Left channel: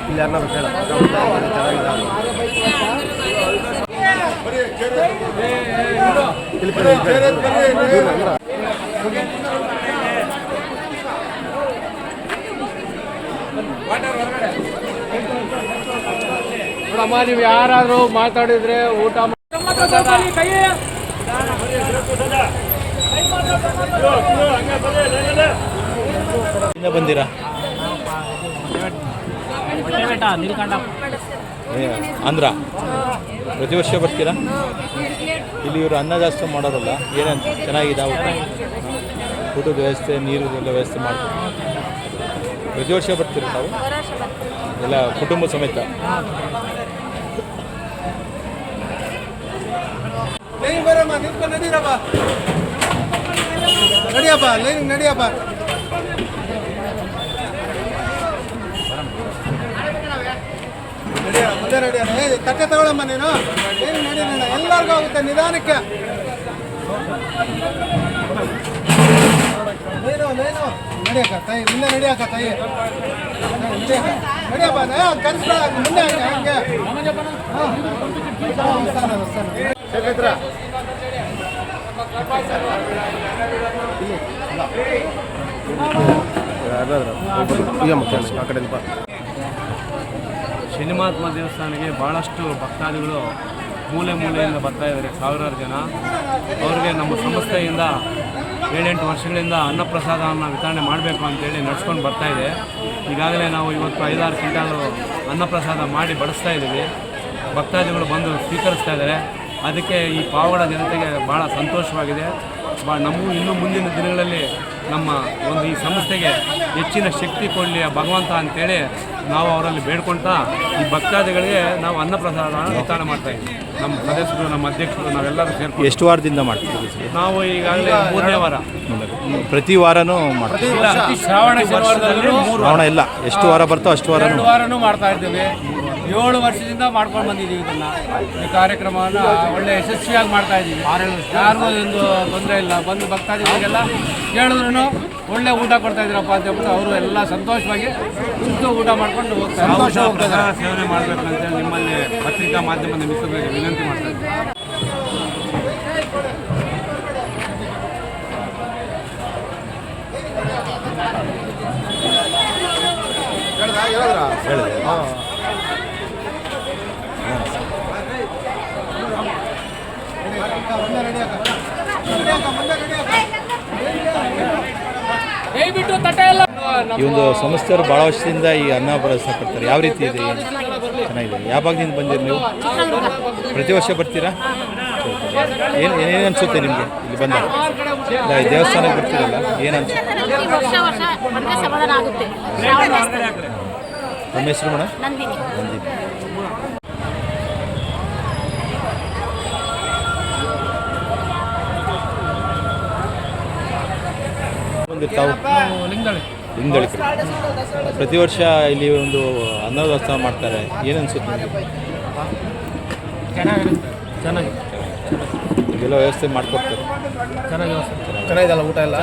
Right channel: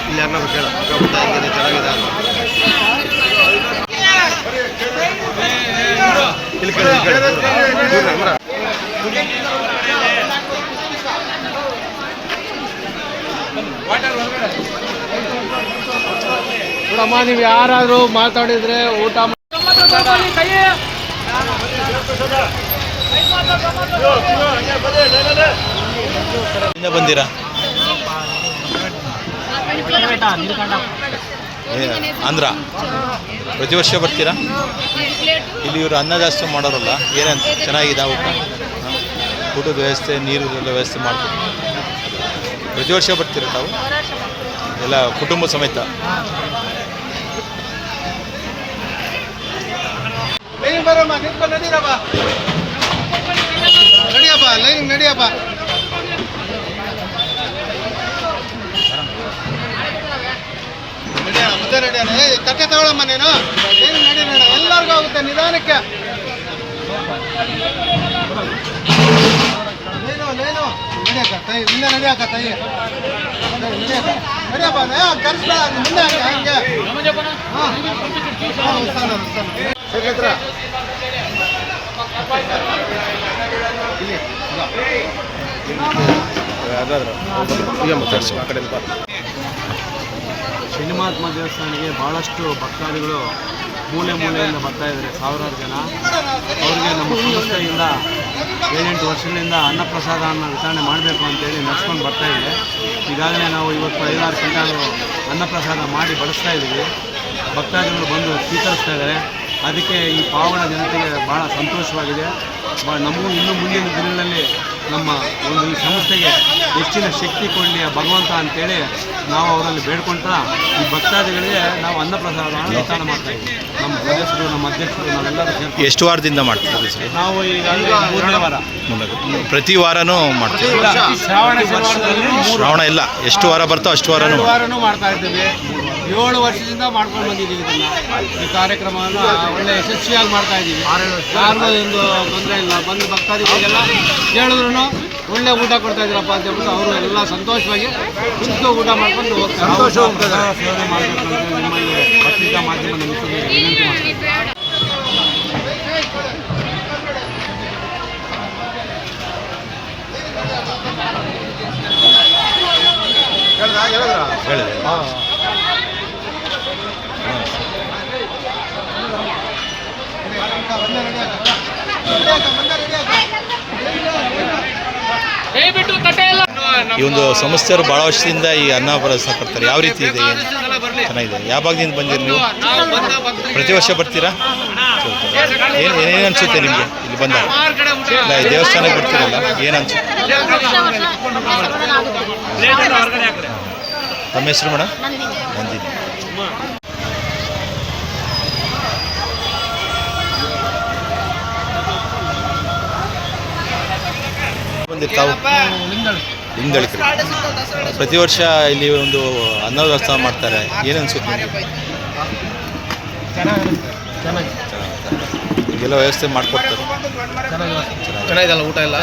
ಇಲ್ಲಿ ಯಾರನ್ನ ಕೇಳ ನೋಡಮ್ಮ ನೀವು ಯಾರಾದರೂ ಮಾತಾಡಿದ್ರೆ ಊಟ ಬಂದಿರಾ ಆಂಧ್ರ ಪ್ರತಿ ವರ್ಷ ಬರ್ತೀರಾ? ಇಲ್ಲಿ ಇವರು ಅನ್ನ ಜಾಸ್ತಿ ಮಾಡೋರಲ್ಲ ಏನಂತ ಚೆನ್ನಾಗಿದೆ ಊಟ. ಊಟದ ವ್ಯವಸ್ಥೆ ನೀರಿನ ವ್ಯವಸ್ಥೆ ಮಾಡ್ತೀವಿ. ಪ್ರತಿ ವರ್ಷ ಬರ್ತೀರ ತಾವು? ಎಲ್ಲ ಕುಟುಂಬ ಸಮೇತ? ನಡಿಯಪ್ಪ ನಡಿಯಪ್ಪ. ನಡಿಯೋಣ ಏ ತಟ್ಟೆ ತಗೊಳಮ್ಮ ನೀನು ಏನು ನಡೀರೋಣ ಎಲ್ಲರಿಗೂ ಆಗುತ್ತೆ ನಿಧಾನಕ್ಕೆ ನೀನು ಲೇನು ನಡಿಯಕ್ಕ ತಾಯಿ ಮುಂದೆ ನಡಿಯಕ್ಕ ತಾಯಿ ನಡಿಯಕ್ಕ ನಡಿಯಪ್ಪ ಏ, ಕರ್ಸ್ಲ, ಮುಂದೆ ಹಂಗೆ ಹಾಂ ಹಾಂ ಸ್ಥಾನ ಶನಿಮಹಾತ್ಮ ದೇವಸ್ಥಾನಕ್ಕೆ ಭಾಳಷ್ಟು ಭಕ್ತಾದಿಗಳು ಮೂಲೆ ಮೂಲೆಯಿಂದ ಬರ್ತಾ ಇದ್ದಾರೆ, ಸಾವಿರಾರು ಜನ. ಅವರಿಗೆ ನಮ್ಮ ಸಂಸ್ಥೆಯಿಂದ ಏಳೆಂಟು ವರ್ಷಗಳಿಂದ ಅನ್ನಪ್ರಸಾದವನ್ನು ವಿತರಣೆ ಮಾಡಬೇಕು ಅಂತೇಳಿ ನಡೆಸ್ಕೊಂಡು ಬರ್ತಾ ಇದೆ. ಈಗಾಗಲೇ ನಾವು ಇವತ್ತು ಐದಾರು ಕ್ವಿಂಟಾಲು ಅನ್ನಪ್ರಸಾದ ಮಾಡಿ ಬಡಿಸ್ತಾ ಇದ್ದೀವಿ. ಭಕ್ತಾದಿಗಳು ಬಂದು ಸ್ವೀಕರಿಸ್ತಾ ಇದ್ದಾರೆ. ಅದಕ್ಕೆ ಈ ಪಾವಗಡ ಜನತೆಗೆ ಭಾಳ ಸಂತೋಷವಾಗಿದೆ. ಭಾಳ ನಮಗೂ ಇನ್ನು ಮುಂದಿನ ದಿನಗಳಲ್ಲಿ ನಮ್ಮ ಒಂದು ಈ ಸಂಸ್ಥೆಗೆ ಹೆಚ್ಚಿನ ಶಕ್ತಿ ಕೊಡಲಿ ಆ ಭಗವಂತ ಅಂತೇಳಿ ನಾವು ಅವರಲ್ಲಿ ಬೇಡ್ಕೊಳ್ತಾ ಈ ಭಕ್ತಾದಿಗಳಿಗೆ ನಾವು ಅನ್ನಪ್ರಸಾದ ವಿತರಣೆ ಮಾಡ್ತಾ ಇದ್ದೀವಿ. ನಮ್ಮ ಸದಸ್ಯರು ನಮ್ಮ ಅಧ್ಯಕ್ಷರು ನಾವೆಲ್ಲರೂ ಸೇರ್ಕೊಂಡು. ಎಷ್ಟು ವಾರದಿಂದ ಮಾಡ್ತೀವಿ ಸರ್ ನಾವು ಈಗ ಮೂರನೇ ವಾರ. ಪ್ರತಿ ವಾರನೂ ಮಾಡ್ತೀವಿ ಶ್ರಾವಣ ವರ್ಷದಲ್ಲಿ ಮೂರು ಶ್ರಾವಣ ಇಲ್ಲ ಎಷ್ಟು ವಾರ ಬರ್ತೋ ಅಷ್ಟು ವಾರನೂ ಮಾಡ್ತಾ ಇದ್ದೇವೆ. ಏಳು ವರ್ಷದಿಂದ ಮಾಡ್ಕೊಂಡು ಬಂದಿದ್ದೀವಿ ಇದನ್ನು. ಈ ಕಾರ್ಯಕ್ರಮವನ್ನು ಒಳ್ಳೆ ಯಶಸ್ವಿಯಾಗಿ ಮಾಡ್ತಾ ಇದ್ದೀವಿ. ಯಾರನ್ನೂ ಎಂದು ತೊಂದರೆ ಇಲ್ಲ. ಬಂದು ಭಕ್ತಾದಿಗಳಿಗೆಲ್ಲ ಕೇಳಿದ್ರು ಒಳ್ಳೆ ಊಟ ಕೊಡ್ತಾ ಇದ್ರಪ್ಪ ಅಂತ ಹೇಳ್ಬಿಟ್ಟು ಅವರು ಎಲ್ಲ ಸಂತೋಷವಾಗಿ ಕುಂತು ಊಟ ಮಾಡ್ಕೊಂಡು ಹೋಗ್ತಾರೆ ಸೇವನೆ ಮಾಡಬೇಕಂತ ನಿಮ್ಮಲ್ಲಿ ಪತ್ರಿಕಾ ಮಾಧ್ಯಮ ವಿನಂತಿ ಮಾಡ್ತಾ ಇದ್ದೀವಿ ಹೇಳಿದೆ? ಈ ಒಂದು ಸಂಸ್ಥೆಯವರು ಭಾಳ ವರ್ಷದಿಂದ ಈ ಅನ್ನ ಕೊಡ್ತಾರೆ ಯಾವ ರೀತಿ ಇದೆ? ಚೆನ್ನಾಗಿದೆ. ಯಾವ ಭಾಗದಿಂದ ಬಂದಿರಿ ನೀವು? ಪ್ರತಿ ವರ್ಷ ಬರ್ತೀರಾ? ಏನು ಏನೇನು ಅನಿಸುತ್ತೆ ನಿಮಗೆ? ಇಲ್ಲಿ ಬಂದಾಗ ಇಲ್ಲ, ಈ ದೇವಸ್ಥಾನಕ್ಕೆ ಬರ್ತೀರಲ್ಲ? ಏನು ಅನ್ಸುತ್ತೆ? ನಮ್ಮ ಹೆಸರು ಮೇಡಮ್ ನಂದಿನಿ. ಬಂದಿರ್ತಾವು ಹಿಂದಳಿಕರಿ ಪ್ರತಿ ವರ್ಷ ಇಲ್ಲಿ ಒಂದು ಅನ್ನದಾಸ್ತ ಮಾಡ್ತಾರೆ. ಏನು ಅನ್ಸುತ್ತೆ ನಿಮ್ಗೆ? ಈಗೆಲ್ಲ ವ್ಯವಸ್ಥೆ ಮಾಡಿಕೊಡ್ತಾರೆ. ಚೆನ್ನಾಗಿದಲ್ಲ ಊಟ ಎಲ್ಲ?